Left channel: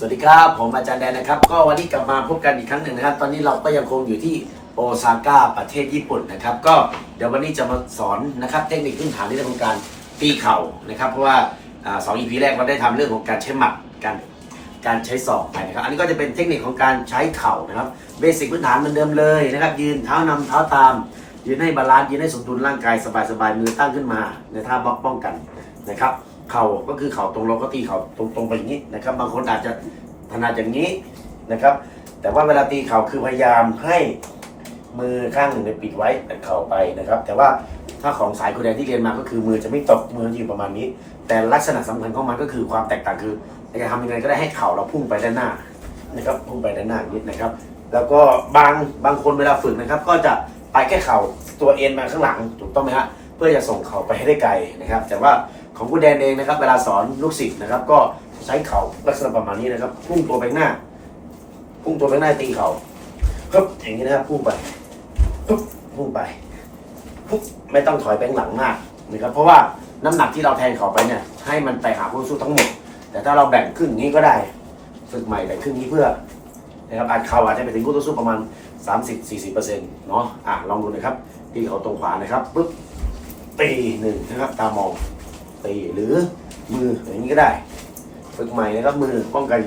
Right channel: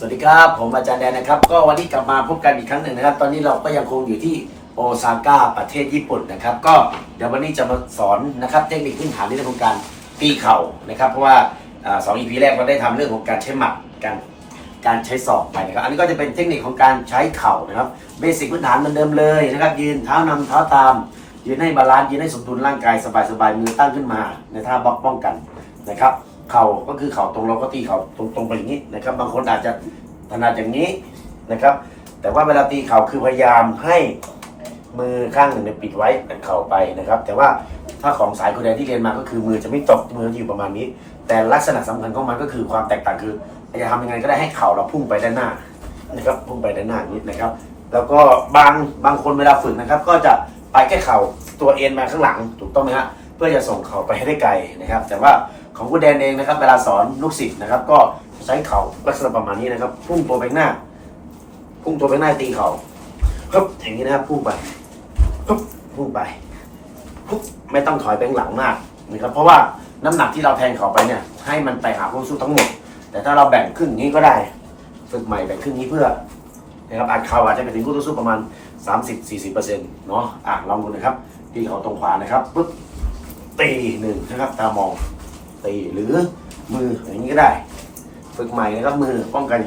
สวัสดีครับ ผมอาจารย์แดนนะครับ ก็วันนี้กลับมาพบกันอีกครั้งหนึ่งนะครับ ตอนนี้เราก็ยังคงอยู่ที่โอซาก้าประเทศญี่ปุ่นนะครับ ก็เดี๋ยววันนี้จะมาสอนนะครับ เทคนิคพื้นฐานในเรื่องของการตีเข่านะครับ เพราะว่าอ่าสองอีพีแรกเราได้ทำเรื่องของการใช้หมัดการการใช้ศอกไปนะครับ อันนี้ก็จะเป็นเทคนิคของการใช้เข่านะครับเบสิกพื้นฐานเหมือนเดิมเลยนะครับ ยืนเท้านำเท้าตาม ยืนให้บาลานซ์ยืนให้สมดุลร่างกายสบายๆมือตั้งขึ้นมา ในท่าบล็อกป้องกันนะครับ เข่าก็คือเข่าตรงเราก็ตีเข่าตรงๆไปอย่างนี้นะครับ บางคนอาจจะถนัดอย่างนี้นะครับ แต่ว่าเวลาตีเข่าคือพยายามให้มือข้างหนึ่งเนี่ยปิดไว้เข่าไปนะครับ แต่ว่าถ้าของสายคุณแดนที่เรียนมาก็คือมือจะไม่ตกมือจะอยู่ประมาณนี้ แต่ลักษณะสำคัญของมันก็คือความแตกต่างคือจะทำยังไงก็ได้ให้เข่าเราพุ่งไปด้านหน้านะครับพุ่งไปด้านหน้านิดนะครับ แล้วก็บางบางคนเวลาฝึกนะครับ ก็จะไปแค่เข่าตัวเอ็นมาข้างหลังถูกต้องไหมฮะ เพื่อจะส่งเข่าไปให้ได้ไกลนะครับ แต่ว่าของคุณแดนเองนะครับเวลาสอนลูกศิษย์นะครับ ก็ใช้เข่าลักษณะประมาณนี้นะครับ พุ่งตัวไปหน้า พุ่งตัวไปหน้าตีเข่าปึ๊บอย่างนี้นะครับพุ่งไปปึ๊บพุ่งไปปึ๊บไม่ต้องถอยไปหลังมากนะครับเพราะว่าน้ำหนักที่เราแทงเข่าไปเนี่ยให้มันไปหาคู่สู้ทั้งหมด แต่ถ้าเราแบ่งครึ่งนี้ก็ได้ฝึกใหม่แบ่งครึ่งนี้เพื่อนะครับอาจเข่าอาจจะไปถึงคู่ต่อสู้ประมาณ 30-40%เนาะอะลองดูนะครับตีเขาตรงขวานะครับปึ๊บ ตีหนึ่งนะครับ ตามองตีหรือมืออย่างนี้ก็ได้ ฝึกใหม่นะครับมือป้องกันอย่าง